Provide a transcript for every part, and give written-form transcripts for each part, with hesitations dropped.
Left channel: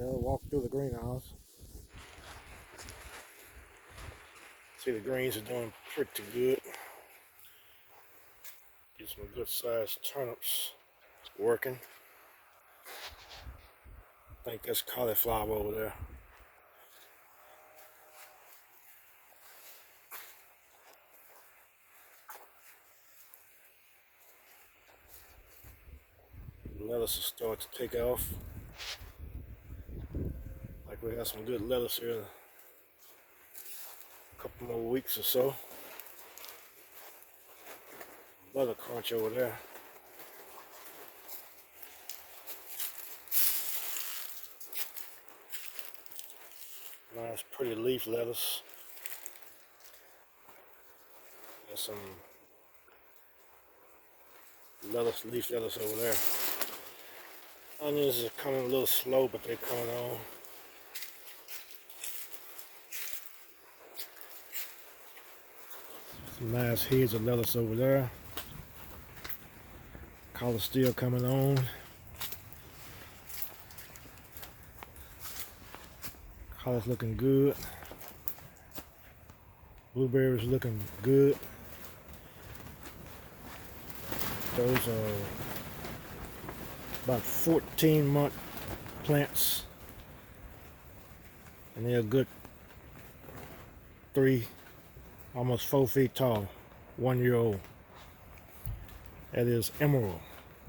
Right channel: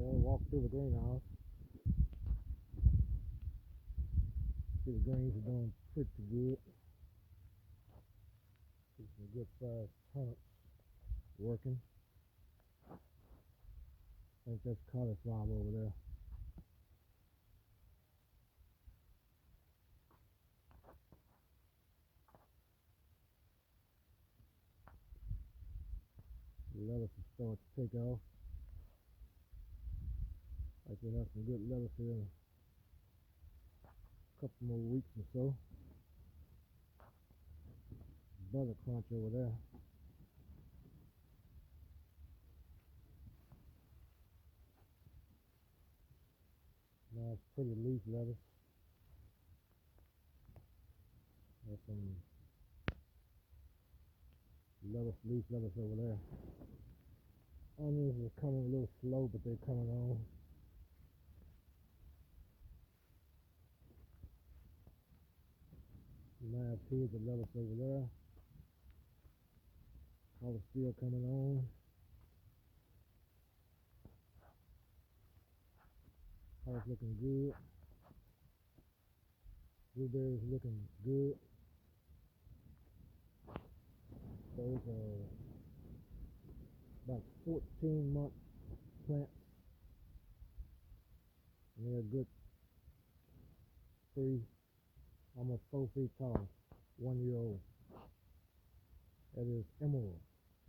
Walk through the greenhouse. See, the greens are doing pretty good. Get some good sized turnips working. I think that's cauliflower over there. Lettuce will start to take off. Like we have some good lettuce here in a couple more weeks or so. Butter crunch over there. Nice pretty leaf lettuce. There's some lettuce, leaf lettuce over there. Onions are coming a little slow, but they're coming on. Some nice heads of lettuce over there. Collar still coming on. Collar's looking good. Blueberries looking good. Those are about 14-month plants, and they're a good 3, almost 4 feet tall, 1 year old. That is emerald,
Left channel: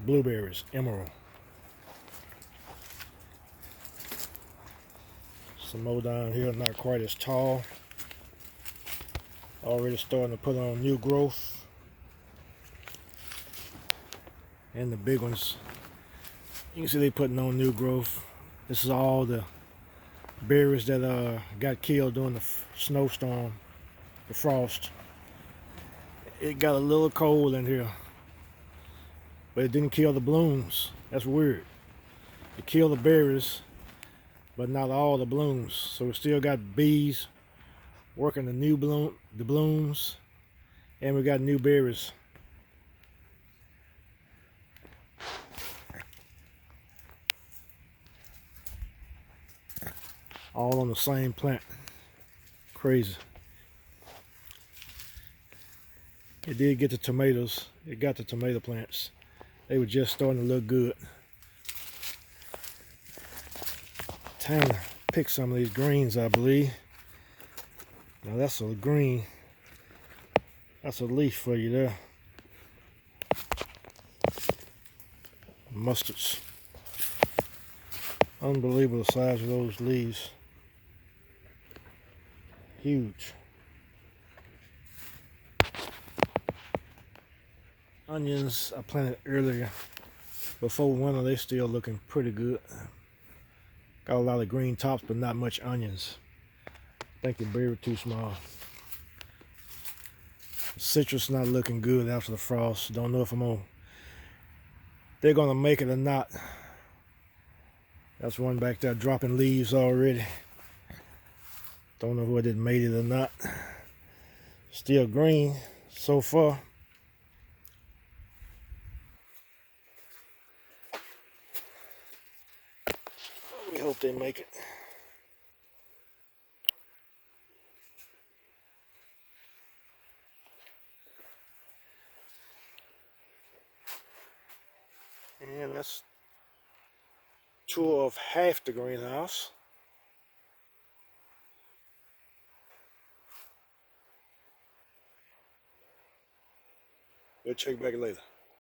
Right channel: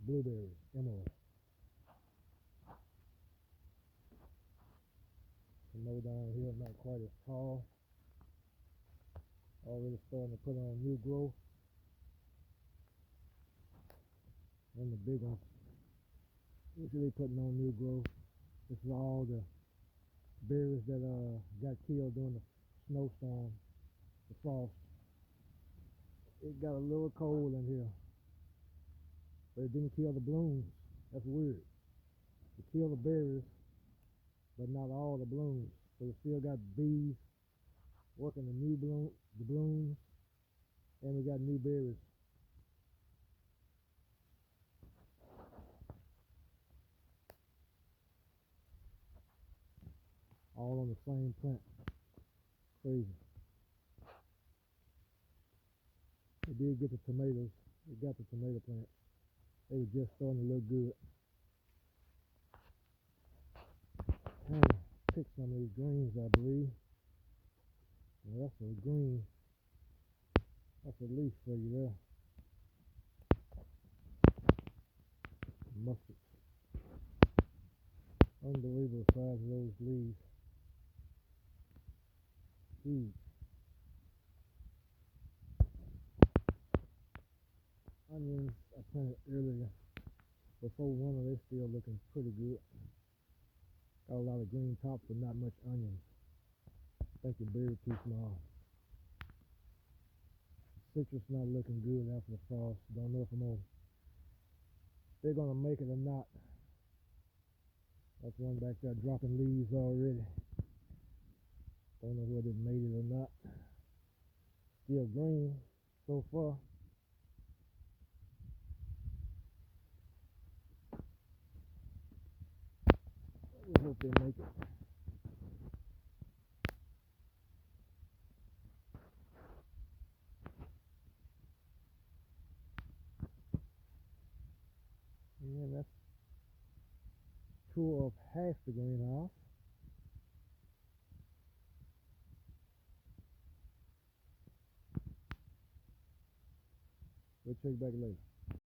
blueberries, emerald. Some more down here, not quite as tall. Already starting to put on new growth. And the big ones, you can see they putting on new growth. This is all the berries that got killed during the snowstorm, the frost. It got a little cold in here, but it didn't kill the blooms. That's weird. It killed the berries, but not all the blooms. So we still got bees working the blooms, and we got new berries. All on the same plant. Crazy. It did get the tomatoes. It got the tomato plants. They were just starting to look good. Time to pick some of these greens, I believe. Now that's a green. That's a leaf for you there. Mustards. Unbelievable size of those leaves. Huge. Onions I planted earlier before winter. They still looking pretty good. Got a lot of green tops, but not much onions. I think the berry too small. Citrus not looking good after the frost. Don't know if they're gonna make it or not. That's one back there dropping leaves already. Don't know whether it made it or not. Still green so far. We hope they make it. And that's tour of half the greenhouse. We'll check back later.